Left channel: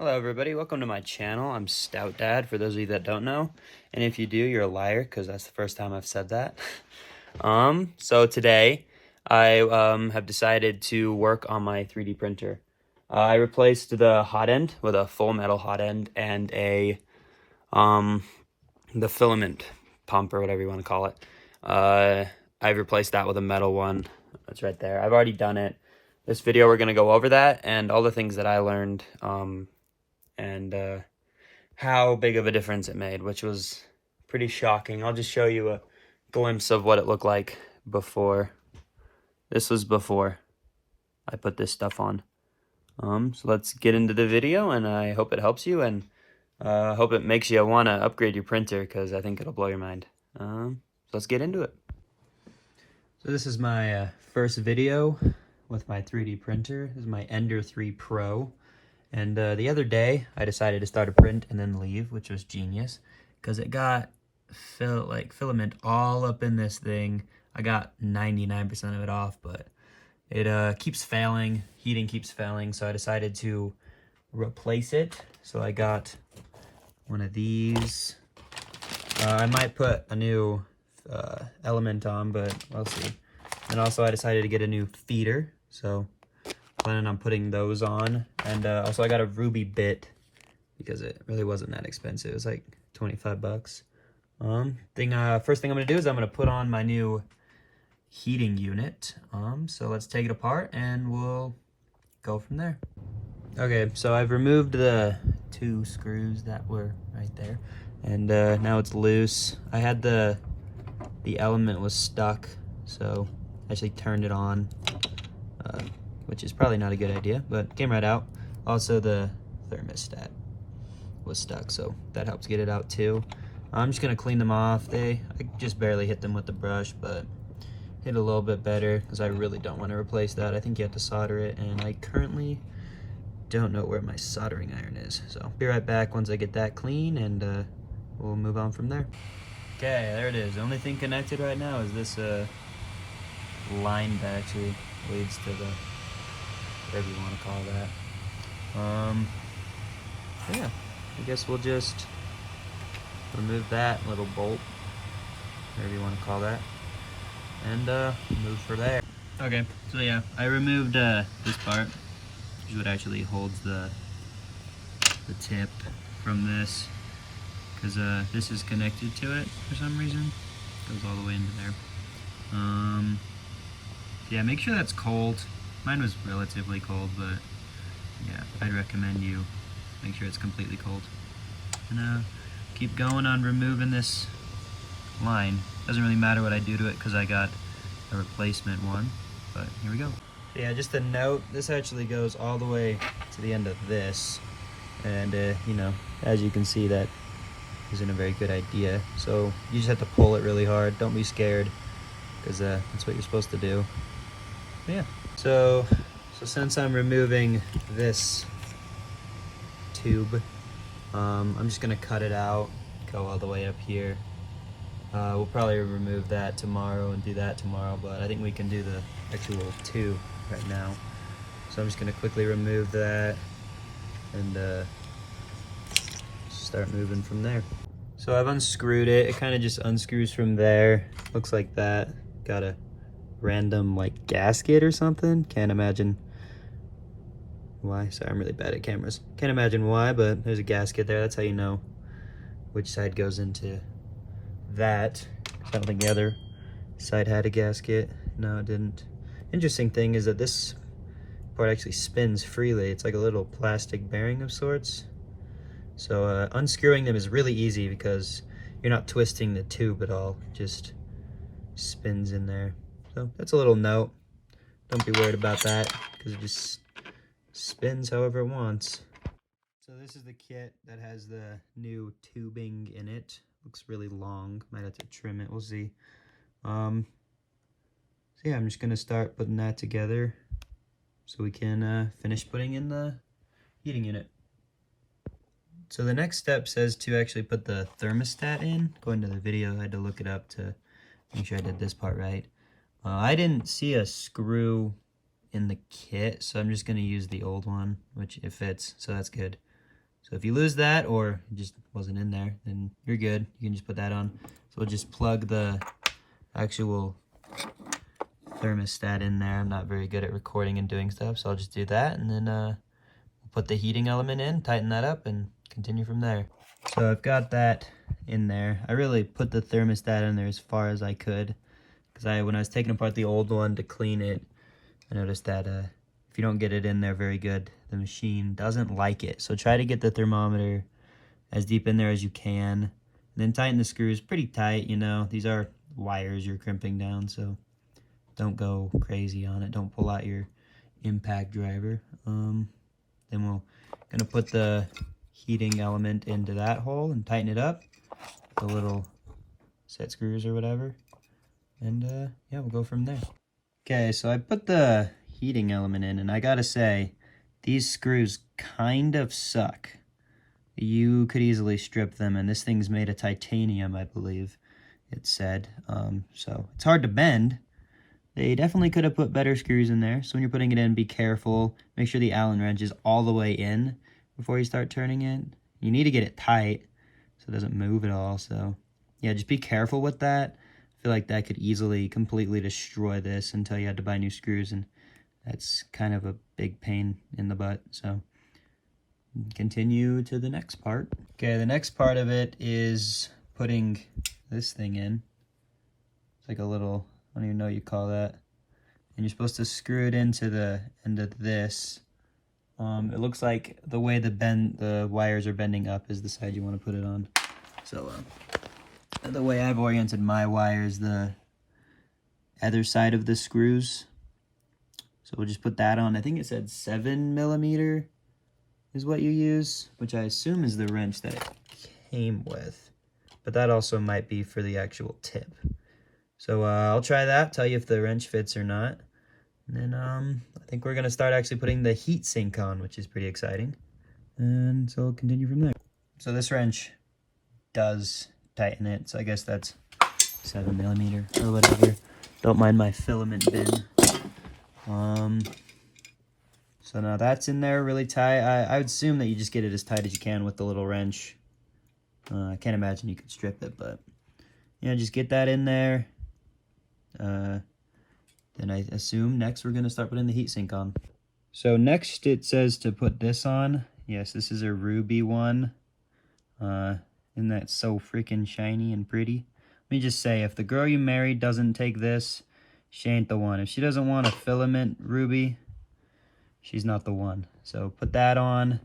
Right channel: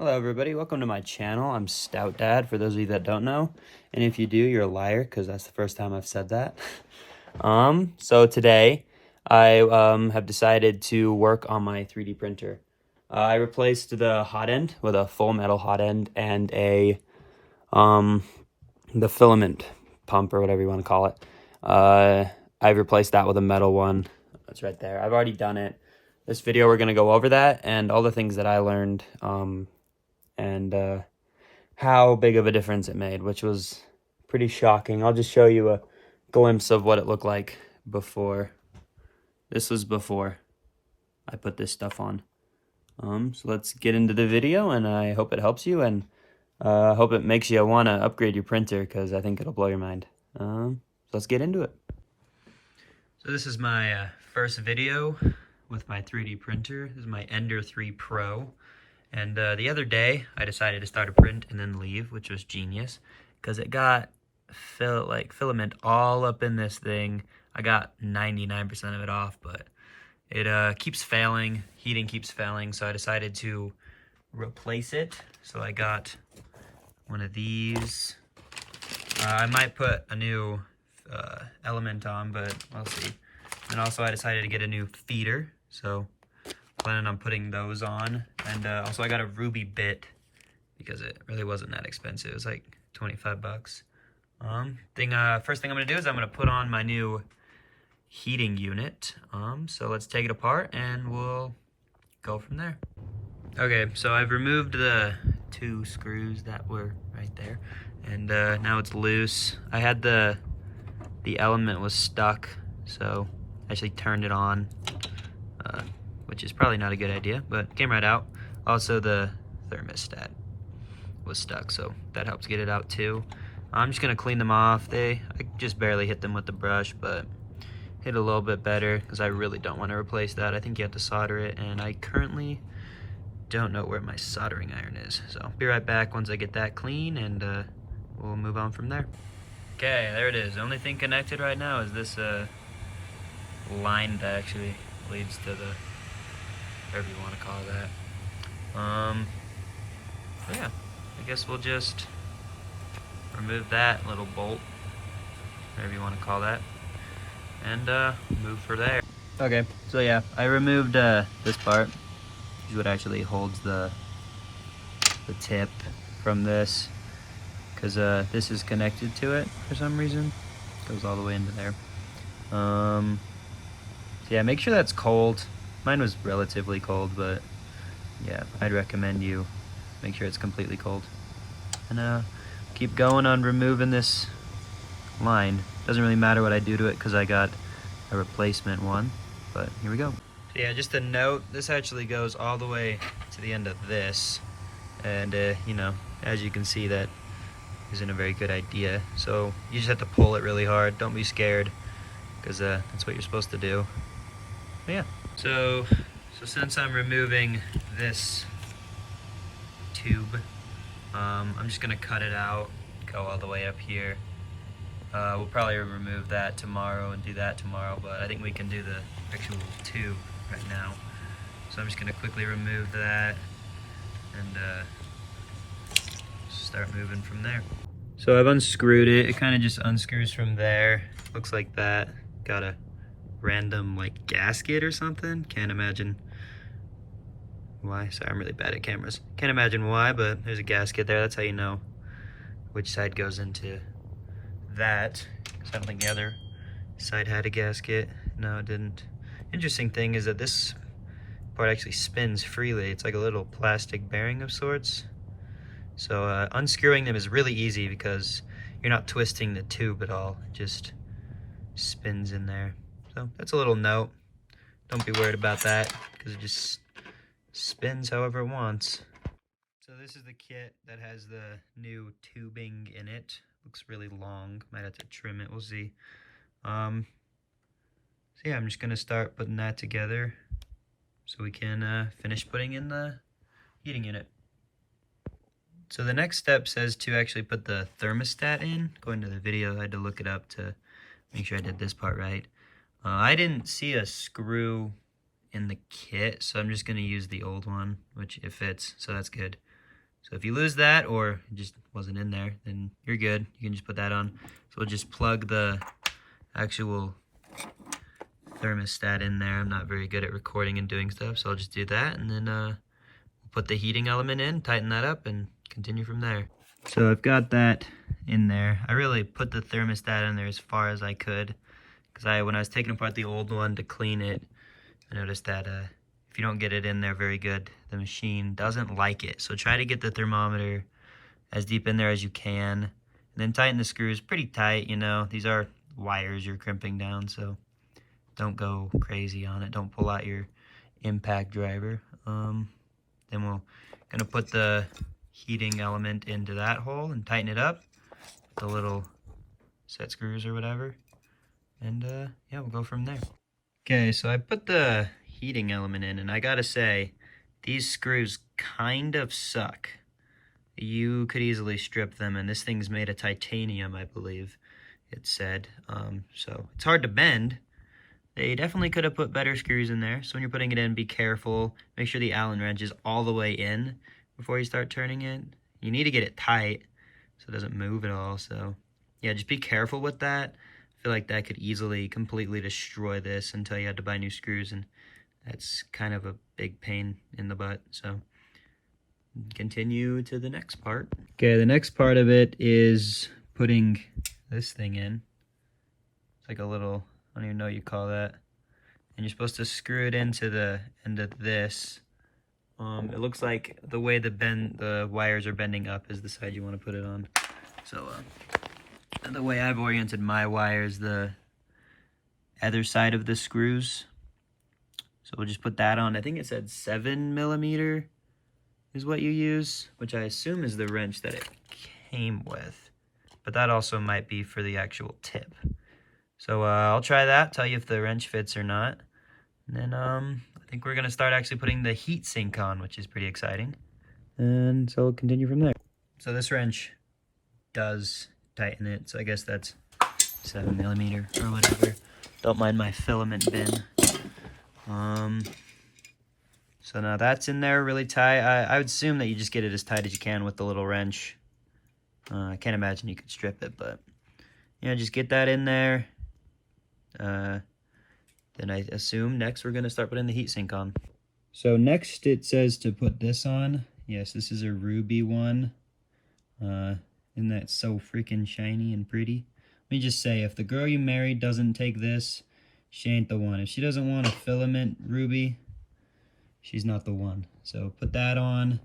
Hello everybody, welcome to my channel. I'm Stout Dad, for those of you that don't know. And if you do, you're a liar, because that's the first time I've said that. So today, I have decided to work on my 3D printer. I replaced the hot end with a full metal hot end and the filament pump, or whatever you want to call it. I've replaced that with a metal one. That's right there. I've already done it. This video, we're going to go over that and all the things that I learned, and how big of a difference it made, which was pretty shocking. I'll just show you a glimpse of what it looked like before. This was before I put this stuff on. So let's get into the video, and I hope it helps you, and hope it makes you want to upgrade your printer, because I think it'll blow your mind. Let's get into it. So this is my first video with my 3D printer. This is my Ender 3 Pro. And the other day, I decided to start a print and then leave, which was genius, because it got filament all up in this thing. I got 99% of it off, but it keeps failing. Heating keeps failing, so I decided to replace it. So I got one of these. I might put a new element on, but we'll see. And also, I decided to get a new feeder, so planning on putting those on. And also I got a ruby bit because it really wasn't that expensive. It was like 25 bucks. First thing I'm gonna do is I'm gonna put on my new heating unit. So let's take it apart and we'll go from there. Okay, so I've removed the two screws that were right there, and now it's loose. I had the element was stuck, so I actually turned it on, which is probably not a good idea, but it came right out. Also, the thermostat was stuck, so that helps get it out too. I'm just gonna clean them off. I just barely hit them with the brush, but hit a little bit better because I really don't want to replace that. I think you have to solder it, and I currently don't know where my soldering iron is. So I'll be right back once I get that clean, and we'll move on from there. Okay, there it is. The only thing connected right now is this line that actually leads to the, whatever you want to call that. So yeah, I guess we'll just remove that little bolt, whatever you want to call that, and move for there. Okay, so yeah, I removed this part. This is what actually holds the tip from this, because this is connected to it for some reason. It goes all the way into there. Yeah, make sure that's cold. Mine was relatively cold, but yeah, I'd recommend you make sure it's completely cold. And keep going on removing this line. Doesn't really matter what I do to it because I got a replacement one, but here we go. Yeah, just a note, this actually goes all the way to the end of this, and you know, as you can see, that isn't a very good idea. So you just have to pull it really hard. Don't be scared, because that's what you're supposed to do. But yeah, so since I'm removing this tube, I'm just gonna cut it out, go all the way up here. We'll probably remove that tomorrow and do that tomorrow, but I think we can do the actual tube right now. So I'm just gonna quickly remove that and start moving from there. So I've unscrewed it. It kind of just unscrews from there. Looks like that. Got a random like gasket or something. Can't imagine why. Sorry, I'm really bad at cameras. Can't imagine why, but there's a gasket there. That's how you know which side goes into that. I don't think the other side had a gasket. No, it didn't. Interesting thing is that this part actually spins freely. It's like a little plastic bearing of sorts. So unscrewing them is really easy because you're not twisting the tube at all. It just spins in there. So that's a little note. Don't be worried about that because it just spins however it wants. So this is the kit that has the new tubing in it. Looks really long. Might have to trim it. We'll see. So yeah, I'm just gonna start putting that together so we can finish putting in the heating unit. So the next step says to actually put the thermostat in. Going to the video, I had to look it up to make sure I did this part right. I didn't see a screw in the kit, so I'm just gonna use the old one, which it fits, so that's good. So if you lose that or it just wasn't in there, then you're good. You can just put that on. So we'll just plug the actual thermostat in there. I'm not very good at recording and doing stuff, so I'll just do that, and then we'll put the heating element in, tighten that up, and continue from there. So I've got that in there. I really put the thermostat in there as far as I could, because when I was taking apart the old one to clean it, I noticed that if you don't get it in there very good, the machine doesn't like it. So try to get the thermometer as deep in there as you can, and then tighten the screws pretty tight. You know, these are wires you're crimping down, so don't go crazy on it. Don't pull out your impact driver. Then we're gonna put the heating element into that hole and tighten it up with the little set screws or whatever, and yeah, we'll go from there. Okay, so I put the heating element in, and I gotta say, these screws kind of suck. You could easily strip them, and this thing's made of titanium, I believe it said. So it's hard to bend. They definitely could have put better screws in there. So when you're putting it in, be careful. Make sure the Allen wrench is all the way in before you start turning it. You need to get it tight so it doesn't move at all. So yeah, just be careful with that. I feel like that could easily completely destroy this until you had to buy new screws, and that's kind of a big pain in the butt. So continue to the next part. Okay, the next part of it is putting this thing in. It's like a little, I don't even know what you call that. And you're supposed to screw it into the end of this. It looks like the way the wires are bending up is the side you want to put it on. So the way I've oriented my wires, the other side of the screws. So we'll just put that on. I think it said 7mm is what you use, which I assume is the wrench that it came with. But that also might be for the actual tip. So I'll try that, tell you if the wrench fits or not. And then I think we're gonna start actually putting the heat sink on, which is pretty exciting. And so we'll continue from there. So this wrench does tighten it, so I guess that's 7mm or whatever. Don't mind my filament bin. So now that's in there really tight. I would assume that you just get it as tight as you can with the little wrench. I can't imagine you could strip it, but just get that in there. Then I assume next we're gonna start putting the heatsink on. So next it says to put this on. Yes, this is a ruby one. Isn't that so freaking shiny and pretty? Let me just say, if the girl you married doesn't take this, she ain't the one. If she doesn't want a filament ruby, she's not the one. So put that on,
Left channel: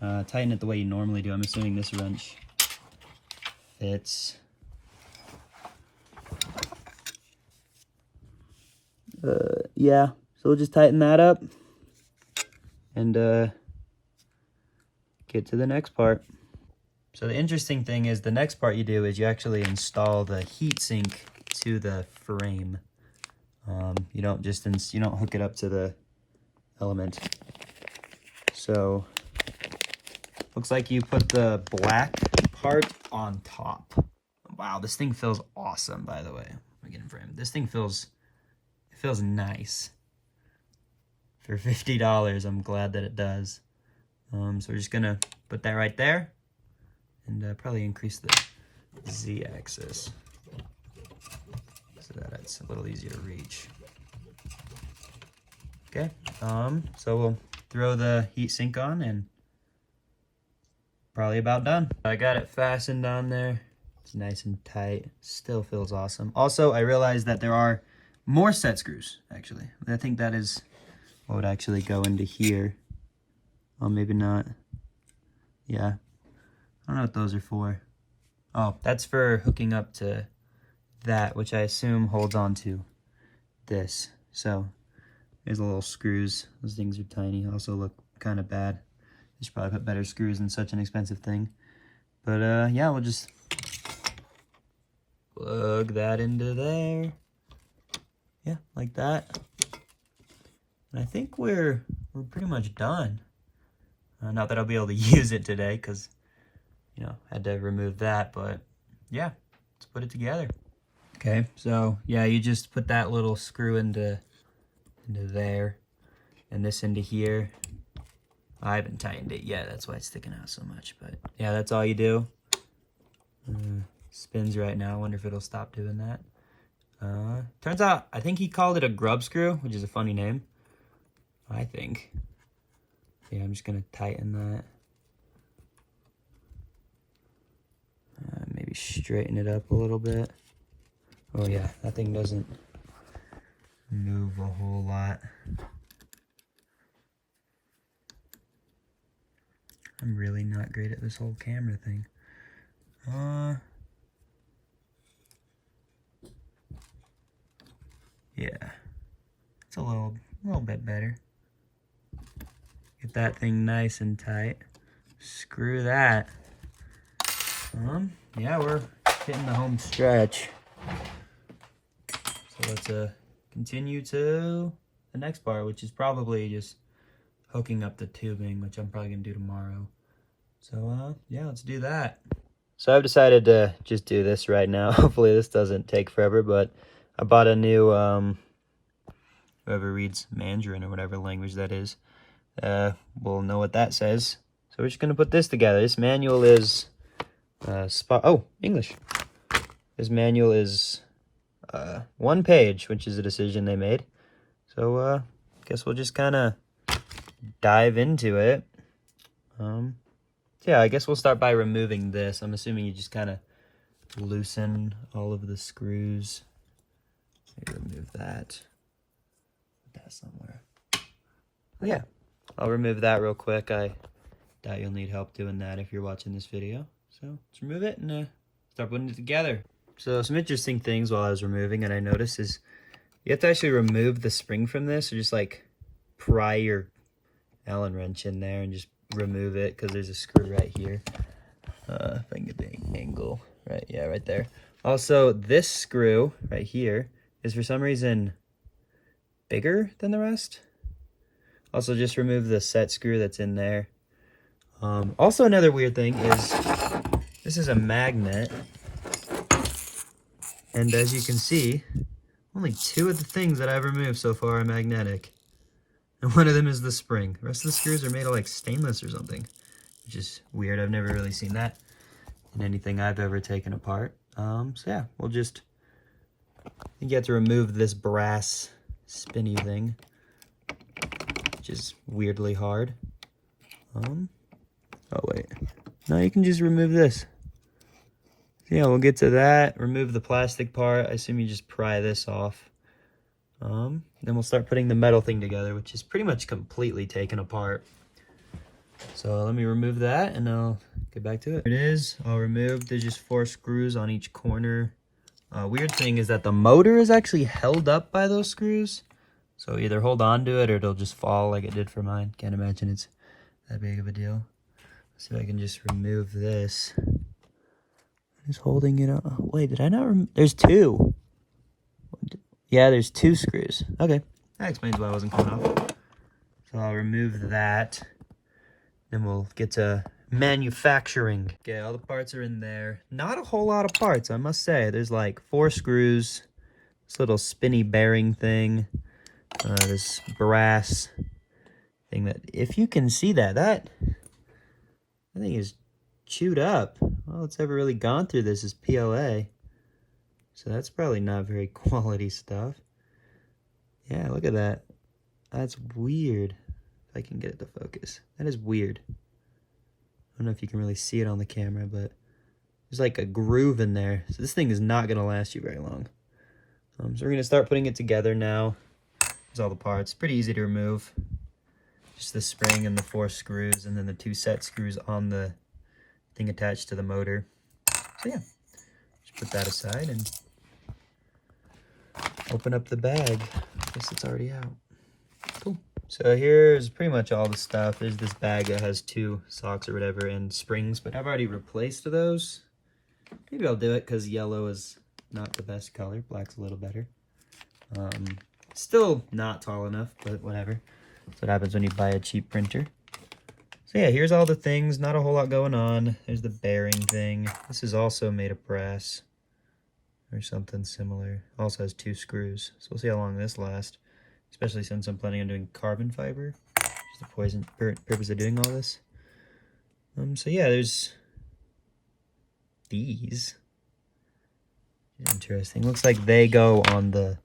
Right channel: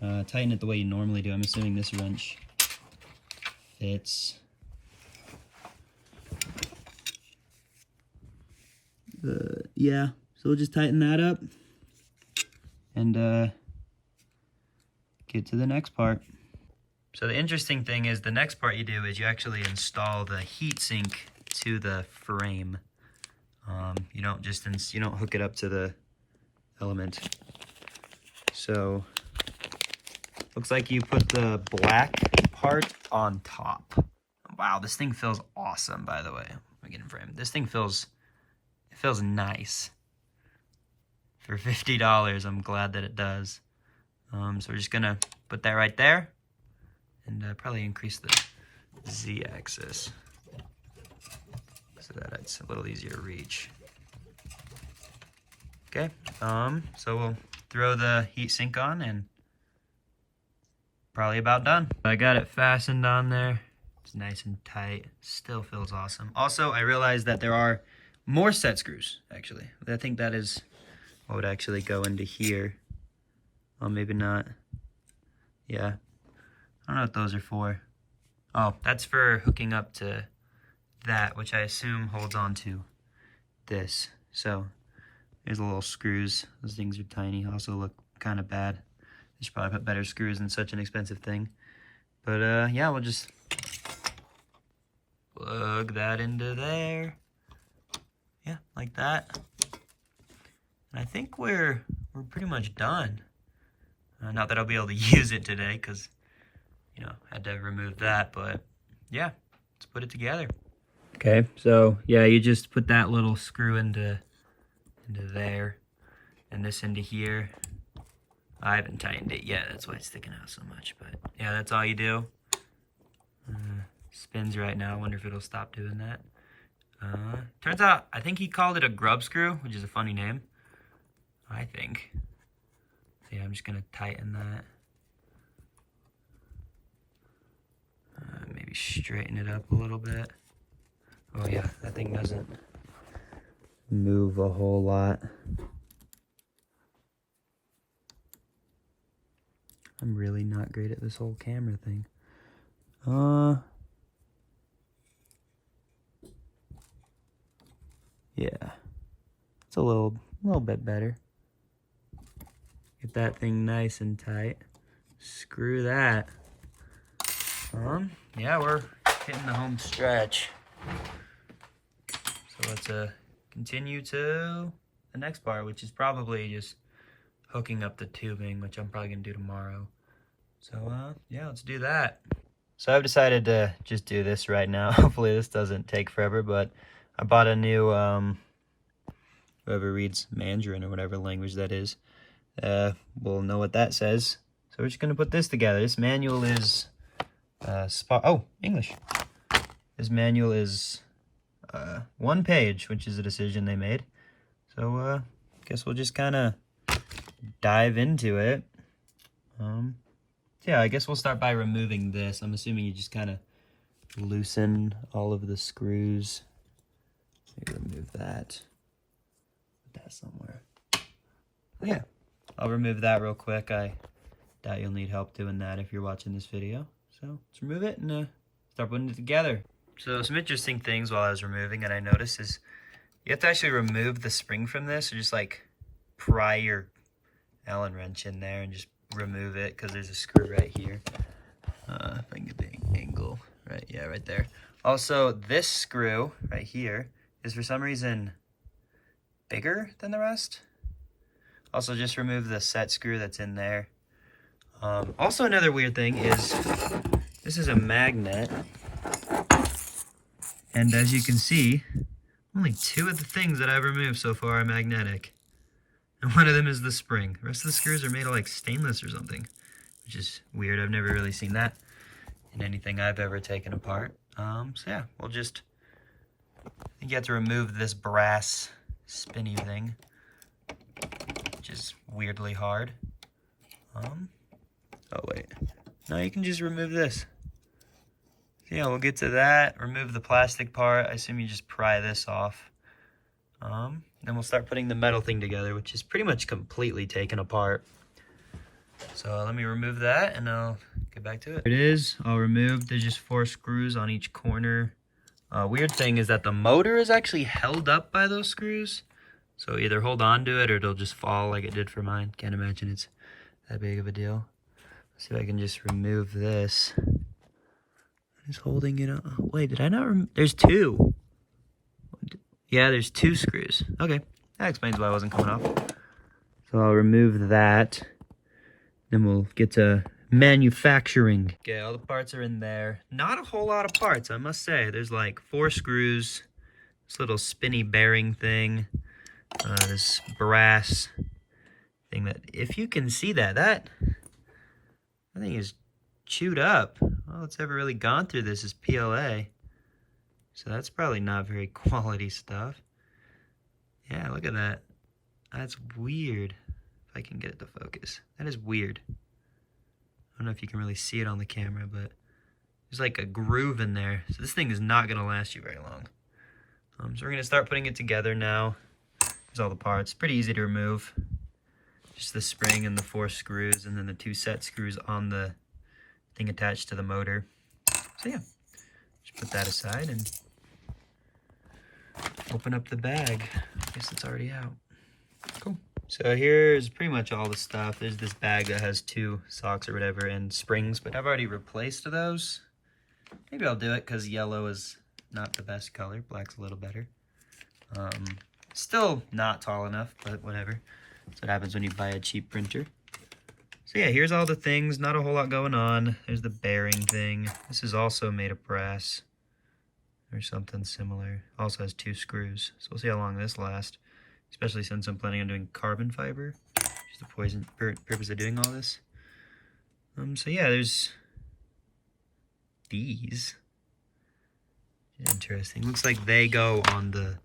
tighten it the way you normally do. I'm assuming this wrench fits. Yeah, so we'll just tighten that up and get to the next part. So the interesting thing is the next part you do is you actually install the heatsink to the frame. You don't hook it up to the element. So looks like you put the black part on top. Wow, this thing feels awesome, by the way. Let me get in frame. This thing feels nice. For $50, I'm glad that it does. So we're just gonna put that right there, and probably increase the Z-axis so that it's a little easier to reach. Okay, so we'll throw the heatsink on, and probably about done. I got it fastened on there. It's nice and tight. Still feels awesome. Also, I realized that there are more set screws, actually. I think that is what would actually go into here. Oh, maybe not. Yeah. I don't know what those are for. Oh, that's for hooking up to that, which I assume holds on to this. So there's the little screws. Those things are tiny. Also look kind of bad. I should probably put better screws in such an expensive thing. But yeah, we'll just plug that into there. Yeah, like that. And I think we're pretty much done. Not that I'll be able to use it today, because I had to remove that, but yeah, let's put it together. Okay, so yeah, you just put that little screw into there, and this into here. I haven't tightened it yet, that's why it's sticking out so much. But yeah, that's all you do. Spins right now. I wonder if it'll stop doing that. Turns out, I think he called it a grub screw, which is a funny name, I think. So yeah, I'm just gonna tighten that. Maybe straighten it up a little bit. Oh yeah, that thing doesn't move a whole lot. I'm really not great at this whole camera thing. Yeah, it's a little bit better. Get that thing nice and tight. Screw that. Yeah, we're hitting the home stretch. So let's continue to the next part, which is probably just hooking up the tubing, which I'm probably gonna do tomorrow. So yeah, let's do that. So I've decided to just do this right now. Hopefully this doesn't take forever, but I bought a new whoever reads Mandarin or whatever language that is will know what that says. So we're just gonna put this together. This manual is English. This manual is 1 page, which is a decision they made. So I guess we'll just kind of dive into it. Yeah, I guess we'll start by removing this. I'm assuming you just kind of loosen all of the screws. Maybe remove that. Put that somewhere. But yeah, I'll remove that real quick. I doubt you'll need help doing that if you're watching this video. So let's remove it and start putting it together. So some interesting things while I was removing that I noticed is you have to actually remove the spring from this, or just like pry your Allen wrench in there and just remove it, because there's a screw right here. If I can get the angle right, yeah, right there. Also, this screw right here is for some reason bigger than the rest. Also, just remove the set screw that's in there. Also, another weird thing is this is a magnet, and as you can see, only 2 of the things that I've removed so far are magnetic. And one of them is the spring. The rest of the screws are made of like stainless or something, which is weird. I've never really seen that in anything I've ever taken apart. So yeah, we'll just, I think you have to remove this brass spinny thing, which is weirdly hard. Oh wait, no, you can just remove this. Yeah, we'll get to that. Remove the plastic part. I assume you just pry this off. Then we'll start putting the metal thing together, which is pretty much completely taken apart. So let me remove that and I'll get back to it. There it is, all removed. There's just 4 screws on each corner. Weird thing is that the motor is actually held up by those screws. So either hold on to it or it'll just fall like it did for mine. Can't imagine it's that big of a deal. Let's see if I can just remove this. Just holding it up. Wait, did I not there's 2. Yeah, there's 2 screws. Okay, that explains why it wasn't coming off. So I'll remove that. Then we'll get to manufacturing. Okay, all the parts are in there. Not a whole lot of parts, I must say. There's like 4 screws, this little spinny bearing thing, this brass thing that, if you can see that, that thing is chewed up. All it's ever really gone through this is PLA. So that's probably not very quality stuff. Yeah, look at that. That's weird. If I can get it to focus. That is weird. I don't know if you can really see it on the camera, but there's like a groove in there. So this thing is not going to last you very long. So we're going to start putting it together now. There's all the parts. Pretty easy to remove. Just the spring and the 4 screws, and then the 2 set screws on the thing attached to the motor. So yeah, just put that aside and open up the bag. I guess it's already out. Cool. So here's pretty much all the stuff. There's this bag that has 2 socks or whatever and springs, but I've already replaced those. Maybe I'll do it because yellow is not the best color. Black's a little better. Still not tall enough, but whatever. That's what happens when you buy a cheap printer. So yeah, here's all the things. Not a whole lot going on. There's the bearing thing. This is also made of brass or something similar. Also has 2 screws. So we'll see how long this lasts, especially since I'm planning on doing carbon fiber. Just the purpose of doing all this. So yeah, there's these. Interesting. Looks like they go on the...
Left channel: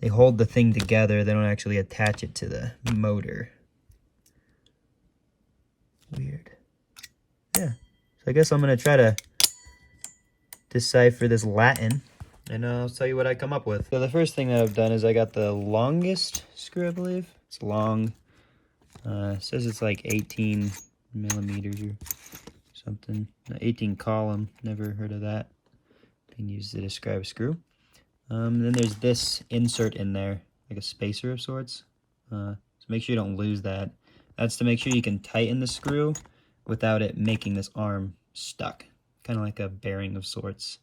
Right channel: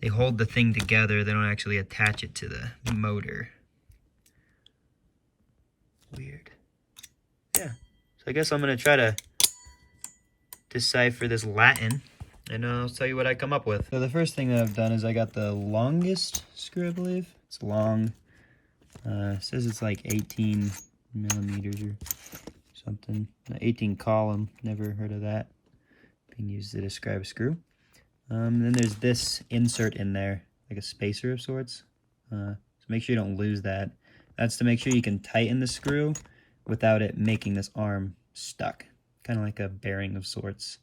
They hold the thing together. They don't actually attach it to the motor. Weird. Yeah. So I guess I'm going to try to decipher this Latin, and I'll tell you what I come up with. So the first thing that I've done is I got the longest screw, I believe. It's long. It says it's like 18 millimeters or something. 18 column. Never heard of that being used to describe a screw. Then there's this insert in there, like a spacer of sorts. So make sure you don't lose that. That's to make sure you can tighten the screw without it making this arm stuck. Kind of like a bearing of sorts.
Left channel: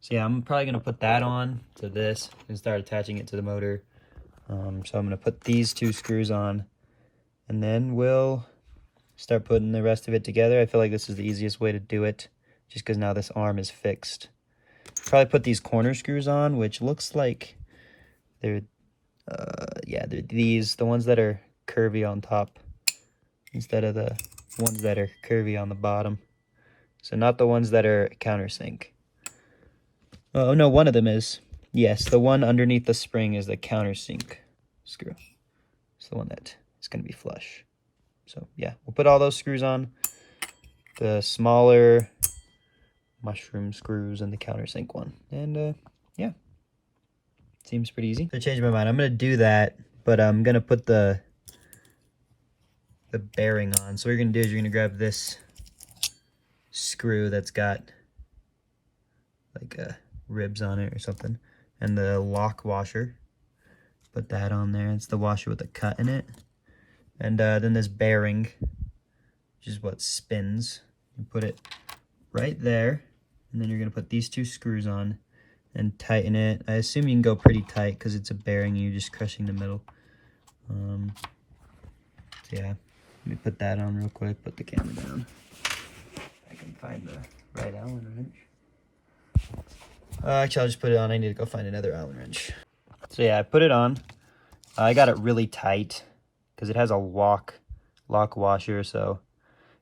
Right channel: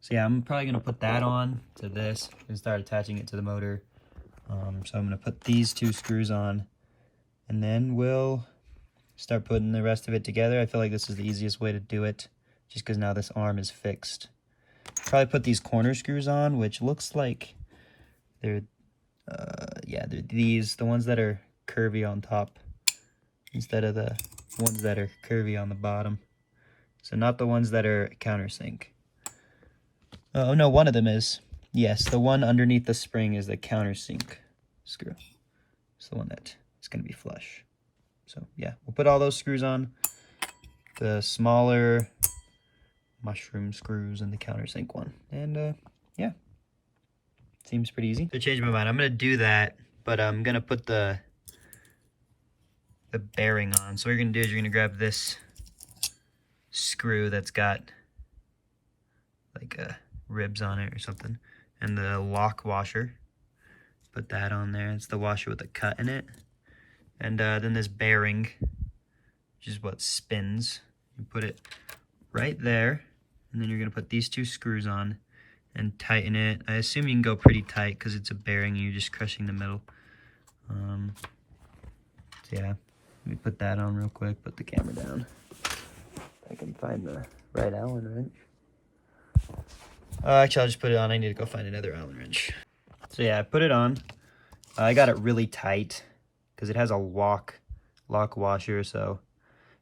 So yeah, I'm probably going to put that on to this and start attaching it to the motor. So I'm going to put these two screws on, and then we'll start putting the rest of it together. I feel like this is the easiest way to do it, just because now this arm is fixed. Probably put these corner screws on, which looks like they're, yeah, they're these, the ones that are curvy on top, instead of the ones that are curvy on the bottom. So not the ones that are countersink. Oh no, one of them is. Yes, the one underneath the spring is the countersink screw. It's the one that is going to be flush. So yeah, we'll put all those screws on. The smaller mushroom screws and the countersink one. And yeah, seems pretty easy. So I changed my mind. I'm going to do that, but I'm going to put the bearing on. So what you're going to do is you're going to grab this screw that's got like ribs on it or something, and the lock washer. Put that on there. It's the washer with a cut in it. And then this bearing, which is what spins. You put it right there, and then you're going to put these two screws on and tighten it. I assume you can go pretty tight because it's a bearing and you're just crushing the middle. So yeah, let me put that on real quick, put the camera down. I can find the right Allen wrench. Actually, I'll just put it on. I need to go find another Allen wrench. So yeah, I put it on. I got it really tight because it has a lock washer, so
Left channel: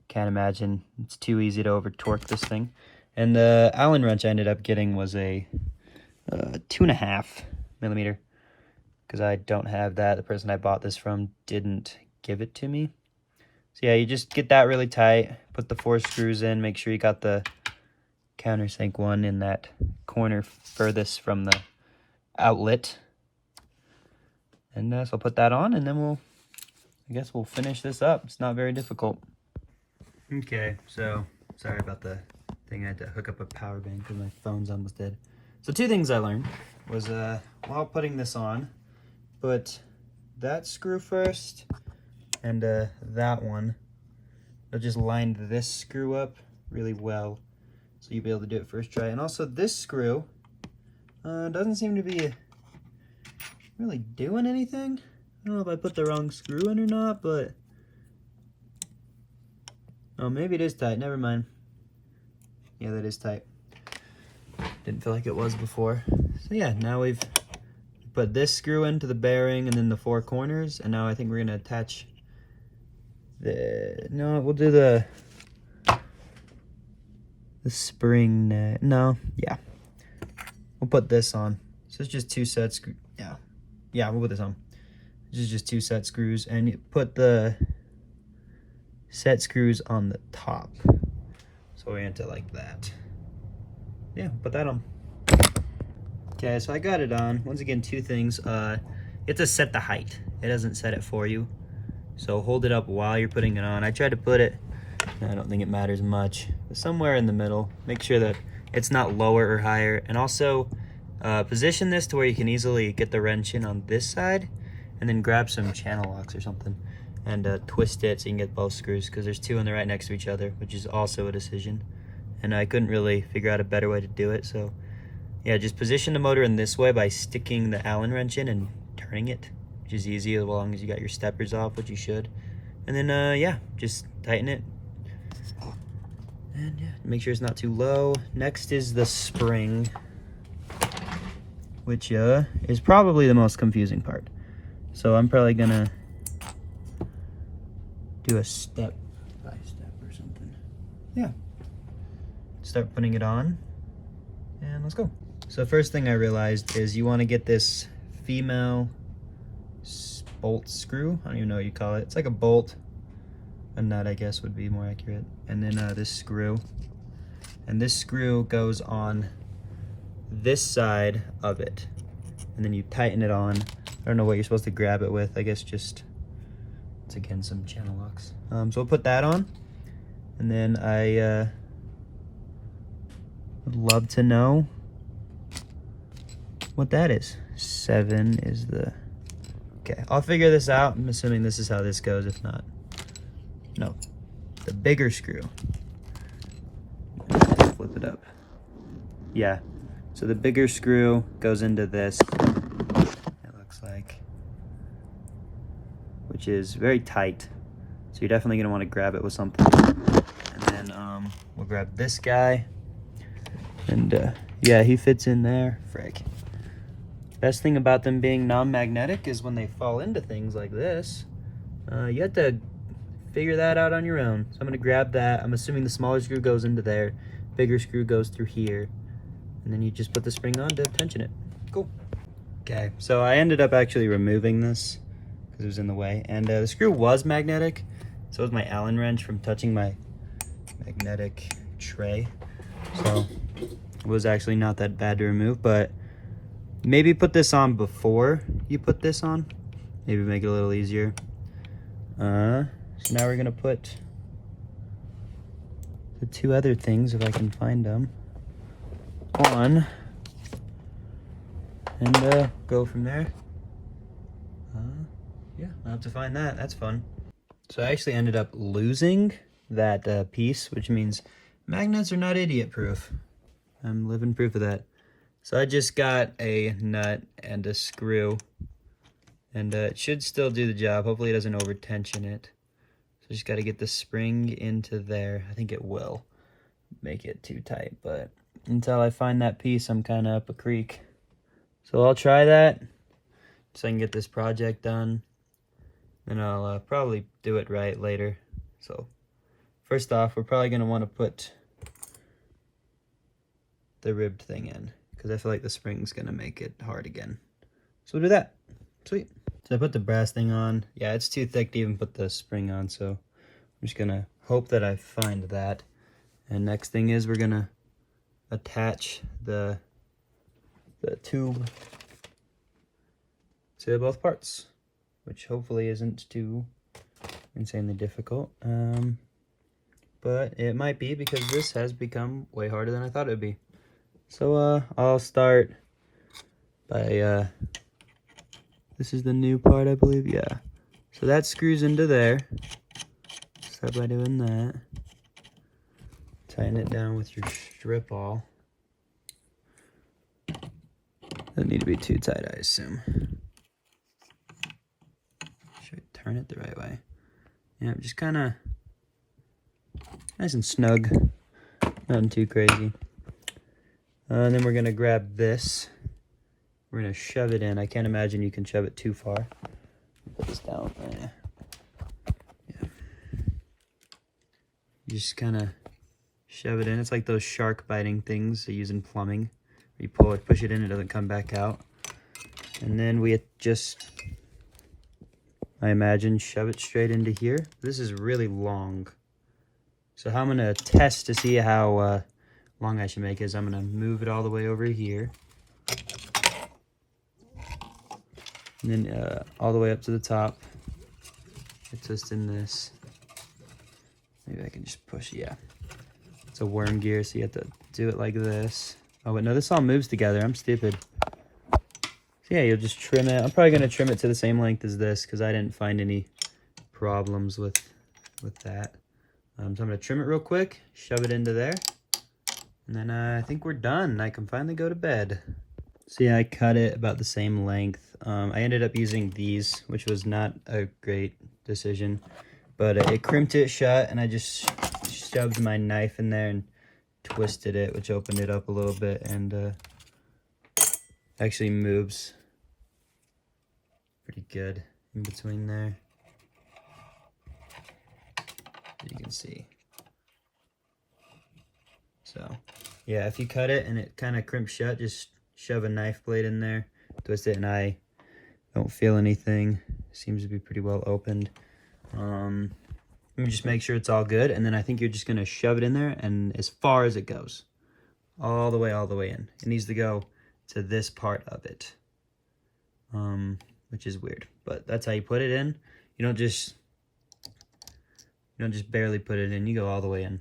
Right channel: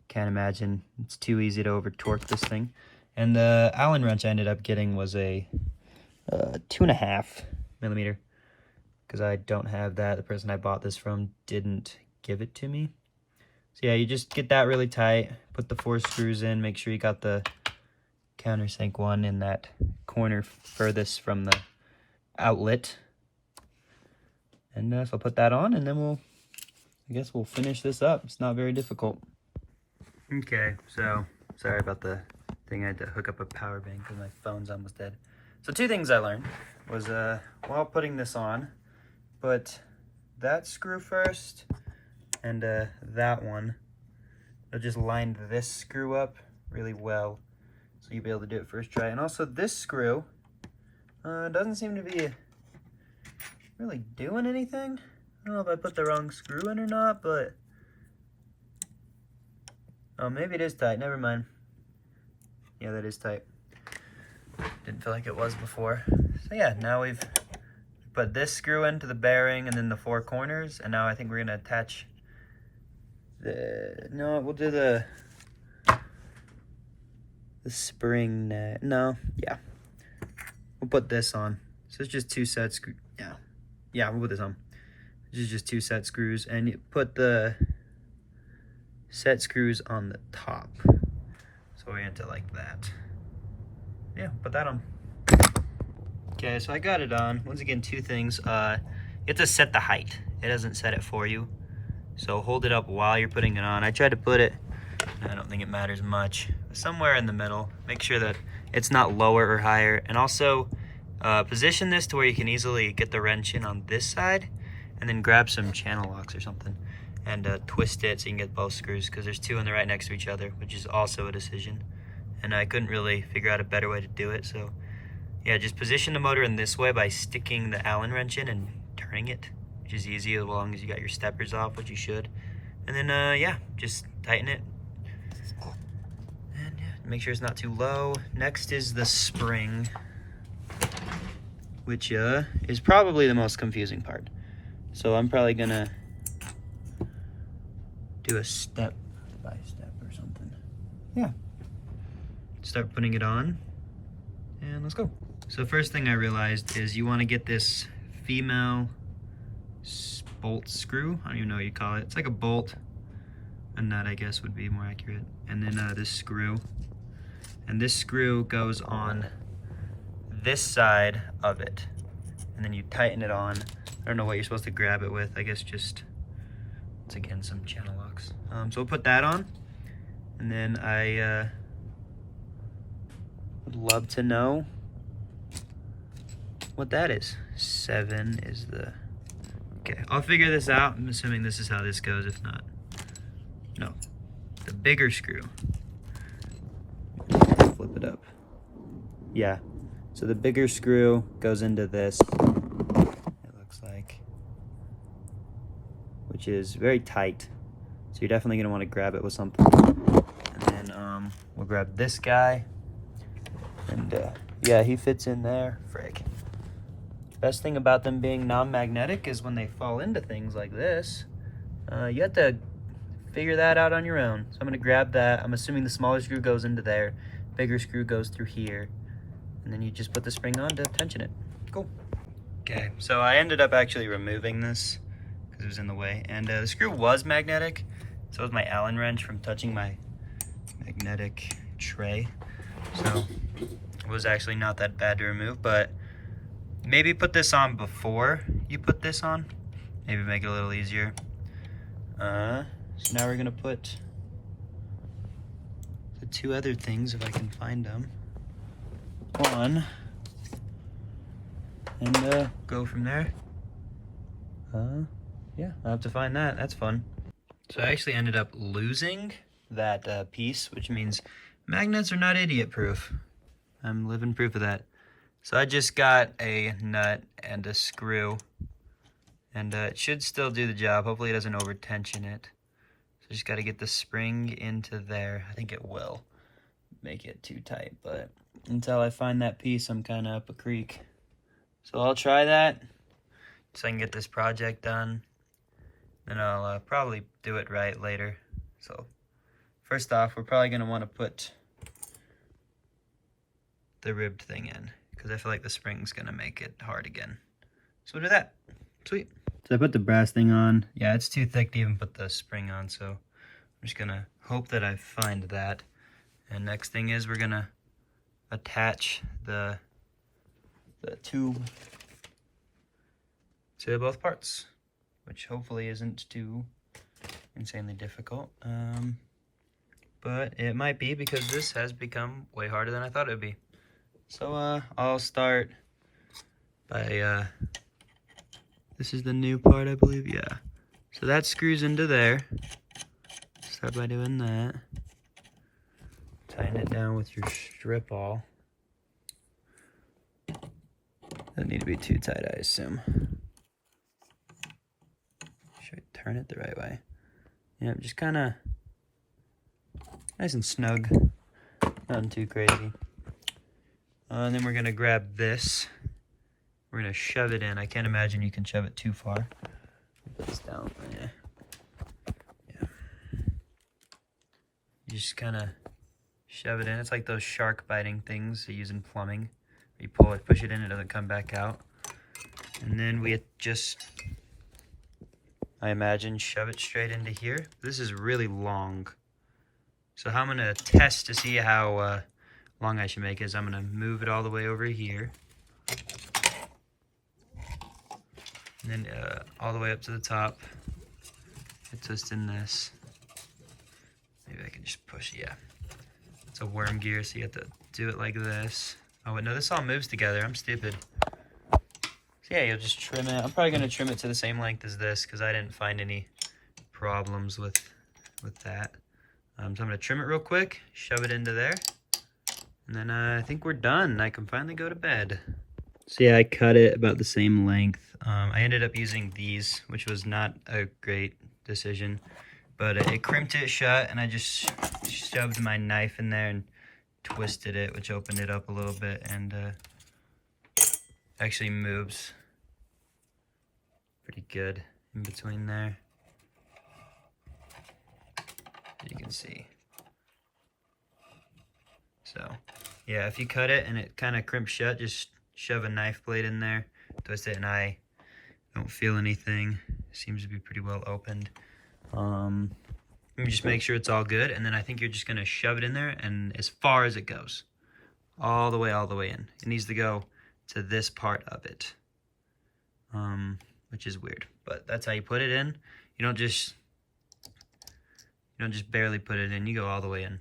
can't imagine it's too easy to over torque this thing. And the Allen wrench I ended up getting was a 2.5 millimeter, because I don't have that. The person I bought this from didn't give it to me. So yeah, you just get that really tight, put the 4 screws in, make sure you got the countersink one in that corner furthest from the outlet. And so I'll put that on, and then I guess we'll finish this up. It's not very difficult. Okay, so sorry about the thing. I had to hook up a power bank because my phone's almost dead. So 2 things I learned was while putting this on, put that screw first and that one. I just lined this screw up really well, so you'll be able to do it first try. And also this screw doesn't seem to be really doing anything. I don't know if I put the wrong screw in or not, but oh, maybe it is tight. Never mind. Yeah, that is tight. Didn't feel like it was before. So yeah, now we've put this screw into the bearing and then the 4 corners, and now I think we're gonna attach the, no, we'll do the spring, no, yeah. We'll put this on. So it's just 2 set screws. Yeah, we'll put this on. This is just 2 set screws, and you put the set screws on the top. So orient it like that. Yeah, put that on. Okay, so I got it on. Once again, 2 things. You have to set the height. It doesn't set it for you. So hold it up while you're putting it on. I tried to put it, I don't think it matters much, but somewhere in the middle. Make sure that it's not lower or higher. And also position this to where you can easily get the wrench in on this side, and then grab some channel locks or something and twist it so you can get both screws, because there's 2 and they're right next to each other, which is also a decision. And I couldn't really figure out a better way to do it. So yeah, just position the motor in this way by sticking the Allen wrench in and turning it, which is easy as long as you got your steppers off, which you should. And then yeah, just tighten it. And yeah, make sure it's not too low. Next is the spring, which is probably the most confusing part. So I'm probably gonna do a step by step or something. Yeah. Start putting it on, and let's go. So first thing I realized is you want to get this female bolt screw. I don't even know what you call it. It's like a bolt. A nut, I guess, would be more accurate. And then this screw. And this screw goes on this side of it. And then you tighten it on. I don't know what you're supposed to grab it with. I guess just, it's again, some channel locks. So we'll put that on. And then I would love to know what that is. 7 is the, okay, I'll figure this out. I'm assuming this is how this goes. If not, no, the bigger screw. Flip it up. Yeah, so the bigger screw goes into this, it looks like, which is very tight. So you're definitely gonna wanna grab it with something. And then we'll grab this guy. And yeah, he fits in there, frick. Best thing about them being non-magnetic is when they fall into things like this, you have to figure that out on your own. So I'm gonna grab that. I'm assuming the smaller screw goes into there, bigger screw goes through here, and then you just put the spring on to tension it. Cool. Okay, so I ended up actually removing this because it was in the way, and the screw was magnetic. So was my Allen wrench from touching my magnetic tray. So it was actually not that bad to remove, but maybe put this on before you put this on. Maybe make it a little easier. So now we're gonna put the 2 other things, if I can find them, on, and go from there. Yeah, I'll have to find that. That's fun. So I actually ended up losing that piece, which means magnets are not idiot proof. I'm living proof of that. So I just got a nut and a screw, and it should still do the job. Hopefully it doesn't over tension it. So just got to get the spring into there. I think it will make it too tight, but until I find that piece, I'm kind of up a creek. So I'll try that so I can get this project done. Then I'll probably do it right later. So first off, we're probably going to want to put the ribbed thing in, because I feel like the spring's going to make it hard again. So we'll do that. Sweet. So I put the brass thing on. Yeah, it's too thick to even put the spring on, so I'm just going to hope that I find that. And next thing is we're going to attach the tube to both parts, which hopefully isn't too insanely difficult. But it might be, because this has become way harder than I thought it would be. So I'll start by, this is the new part, I believe, yeah. So that screws into there. Start by doing that. Tighten it down with your strip awl. Doesn't need to be too tight, I assume. Should I turn it the right way? Yeah, just kind of nice and snug. Nothing too crazy. And then we're going to grab this. We're going to shove it in. I can't imagine you can shove it too far. Put this down there. Yeah. You just kind of shove it in. It's like those shark biting things they use in plumbing. You pull it, push it in, it doesn't come back out. And then we just, I imagine, shove it straight into here. This is really long. So how I'm going to test to see how long I should make is I'm going to move it all the way over here. And then all the way up to the top. I twist in this. Maybe I can just push, yeah. It's a worm gear, so you have to do it like this. Oh, wait, no, this all moves together. I'm stupid. So yeah, you'll just trim it. I'm probably going to trim it to the same length as this, because I didn't find any problems with that. So I'm going to trim it real quick, shove it into there, and then I think we're done. I can finally go to bed. So yeah, I cut it about the same length. I ended up using these, which was not a great decision, but it crimped it shut, and I just shoved my knife in there and twisted it, which opened it up a little bit, and actually moves pretty good in between there. you can see. So yeah, if you cut it and it kind of crimps shut, just shove a knife blade in there, twist it, and I don't feel anything. Seems to be pretty well opened. Let me just make sure it's all good, and then I think you're just gonna shove it in there, and as far as it goes, all the way in. It needs to go to this part of it, which is weird, but that's how you put it in. You don't just barely put it in. You go all the way in,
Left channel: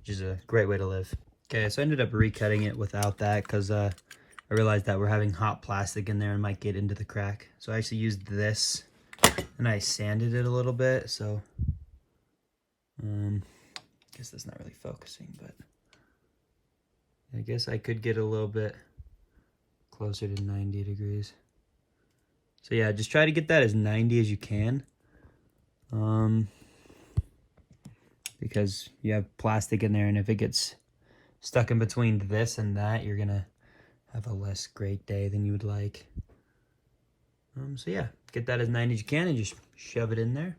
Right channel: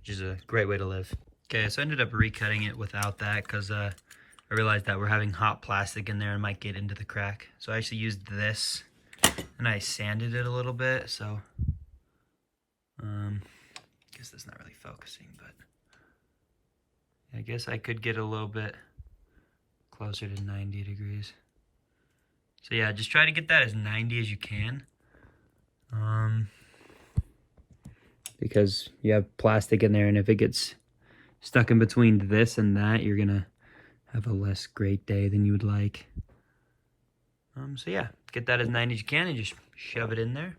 which is a great way to live. Okay, so I ended up recutting it without that because I realized that we're having hot plastic in there and might get into the crack. So I actually used this and I sanded it a little bit. So I guess that's not really focusing, but I guess I could get a little bit closer to 90 degrees. So yeah, just try to get that as 90 as you can. Because you have plastic in there, and if it gets stuck in between this and that, you're gonna have a less great day than you would like. So yeah, get that as 90 as you can and just shove it in there.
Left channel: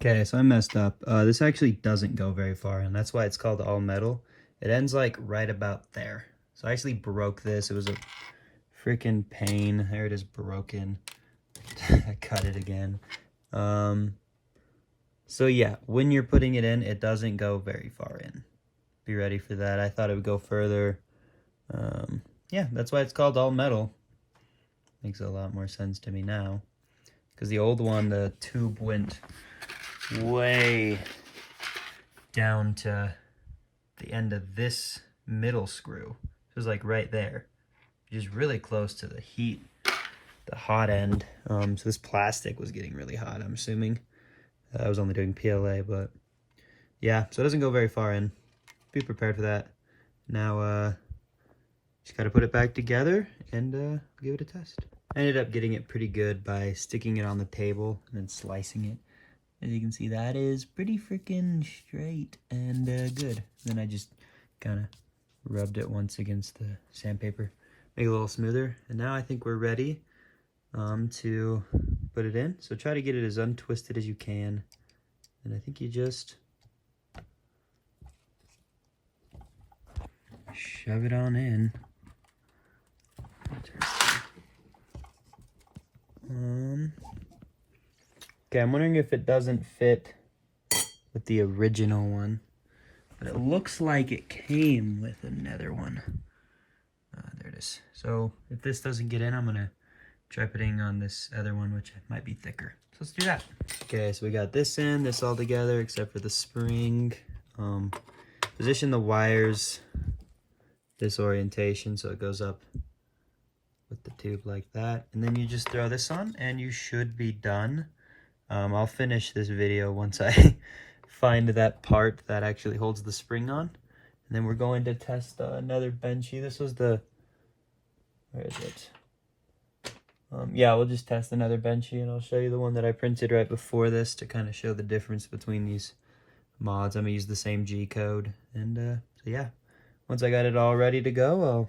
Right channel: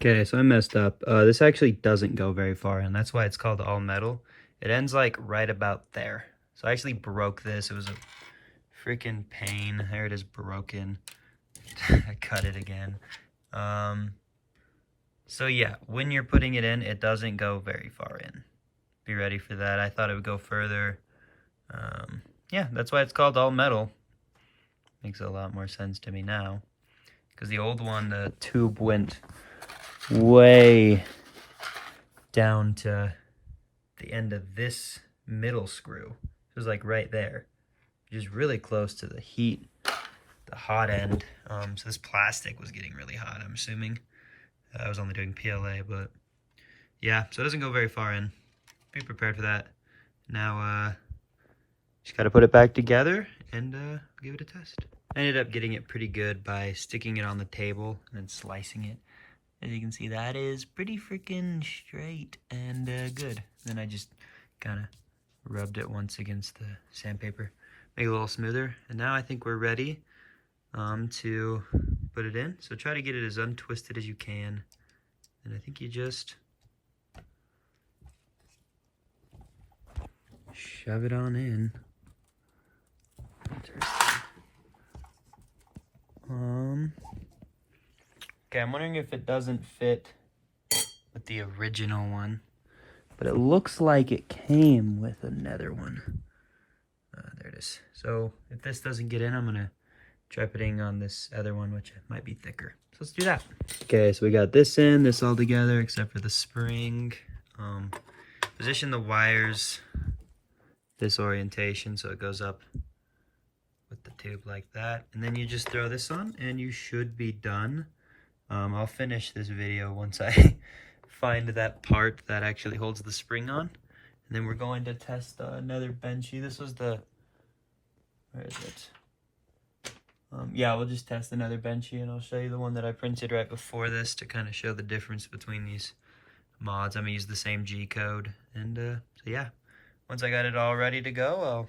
Okay, so I messed up. This actually doesn't go very far in. That's why it's called all metal. It ends like right about there. So I actually broke this. It was a freaking pain. There it is, broken. I cut it again. So yeah, when you're putting it in, it doesn't go very far in. Be ready for that. I thought it would go further. Yeah, that's why it's called all metal. Makes a lot more sense to me now. Because the old one, the tube went way down to the end of this middle screw. It was like right there, which is really close to the heat, the hot end. So this plastic was getting really hot, I'm assuming. I was only doing PLA, but yeah, so it doesn't go very far in. Be prepared for that. Now, just gotta put it back together and give it a test. I ended up getting it pretty good by sticking it on the table and then slicing it. As you can see, that is pretty freaking straight and good. Then I just kind of rubbed it once against the sandpaper, make it a little smoother. And now I think we're ready to put it in. So try to get it as untwisted as you can. And I think you just shove it on in. Okay, I'm wondering if it doesn't fit with the original one, but it looks like it came with another one. There it is. So if this doesn't get in, I'm gonna try putting on this other one, which might be thicker. So let's do that. Okay, so we got this in, this all together, except for the spring. Position the wires this orientation so it goes up with the tube like that, and then you just throw this on and you should be done. I'll finish this video once I find that part that actually holds the spring on, and then we're going to test another Bunchy. This was the, where is it? Yeah, we'll just test another Bunchy, and I'll show you the one that I printed right before this to kind of show the difference between these mods. I'm gonna use the same G code, and so yeah, once I got it all ready to go, I'll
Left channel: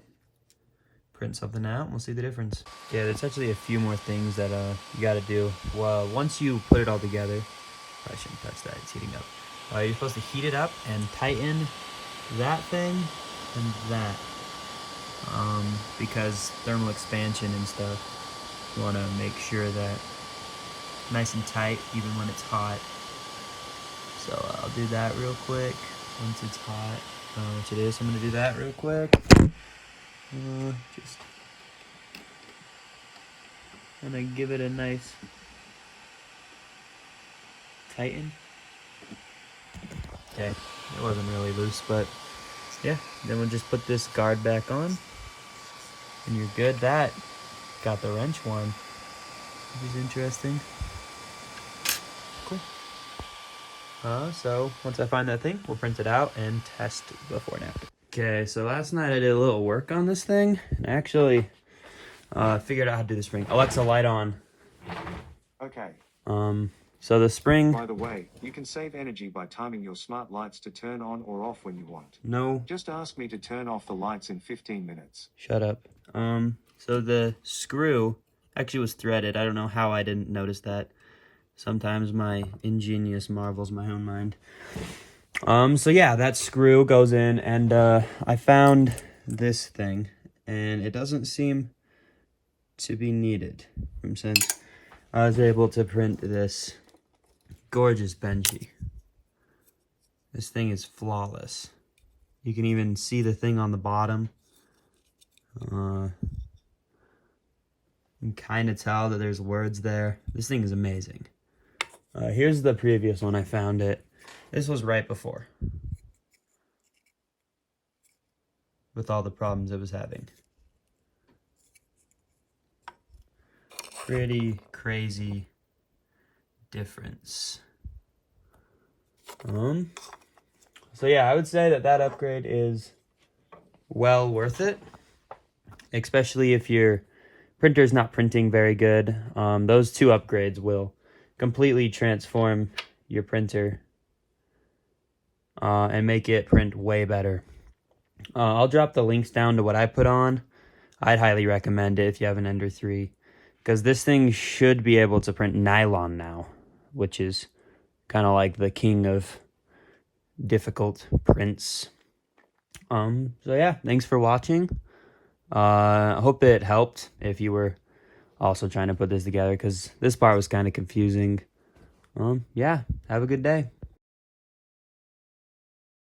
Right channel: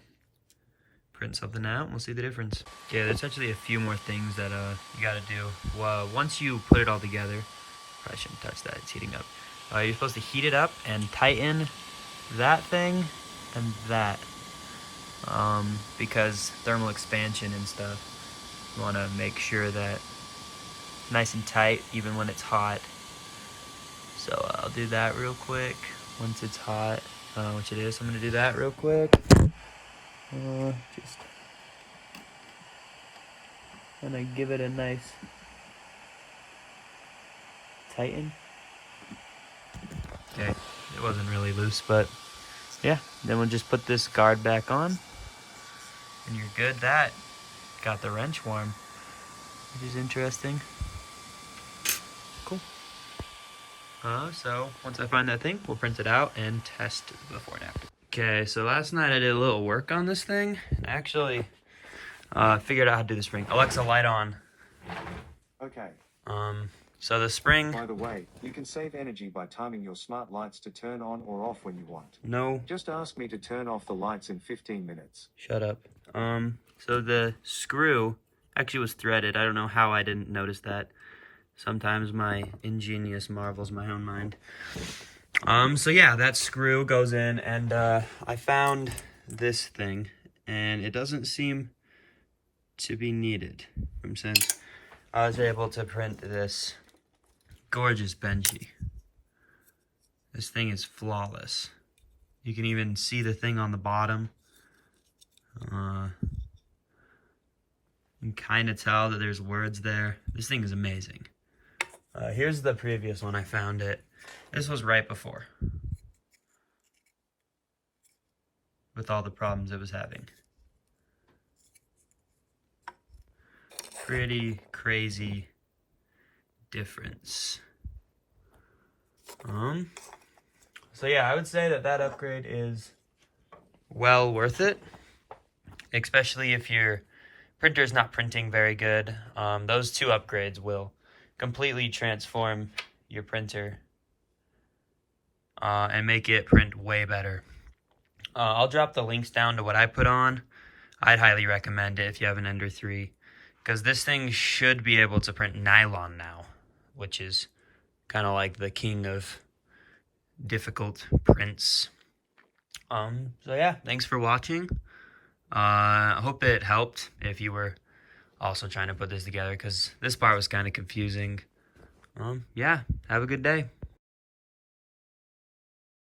print something out and we'll see the difference. Yeah, there's actually a few more things that you got to do. Well, once you put it all together, I shouldn't touch that, it's heating up. You're supposed to heat it up and tighten that thing and that, because thermal expansion and stuff. You want to make sure that nice and tight even when it's hot. So I'll do that real quick once it's hot, which it is. I'm going to do that real quick. Just gonna give it a nice tighten. Okay, it wasn't really loose, but yeah, then we'll just put this guard back on and you're good. That got the wrench warm, which is interesting. Cool. So once I find that thing, we'll print it out and test before and after. Okay, so last night I did a little work on this thing. I actually figured out how to do the spring. Alexa, light on. Okay. So the spring... By the way, you can save energy by timing your smart lights to turn on or off when you want. No. Just ask me to turn off the lights in 15 minutes. Shut up. So the screw actually was threaded. I don't know how I didn't notice that. Sometimes my ingenious marvels my own mind. So yeah, that screw goes in, and I found this thing, and it doesn't seem to be needed. Since I was able to print this gorgeous Bunchy. This thing is flawless. You can even see the thing on the bottom. You can kind of tell that there's words there. This thing is amazing. Here's the previous one I found it. This was right before, with all the problems it was having. Pretty crazy difference. So yeah, I would say that upgrade is well worth it, especially if your printer's not printing very good. Those two upgrades will completely transform your printer and make it print way better. I'll drop the links down to what I put on. I'd highly recommend it if you have an Ender 3, because this thing should be able to print nylon now, which is kind of like the king of difficult prints. So yeah, thanks for watching. I hope it helped if you were also trying to put this together, because this part was kind of confusing. Yeah, have a good day.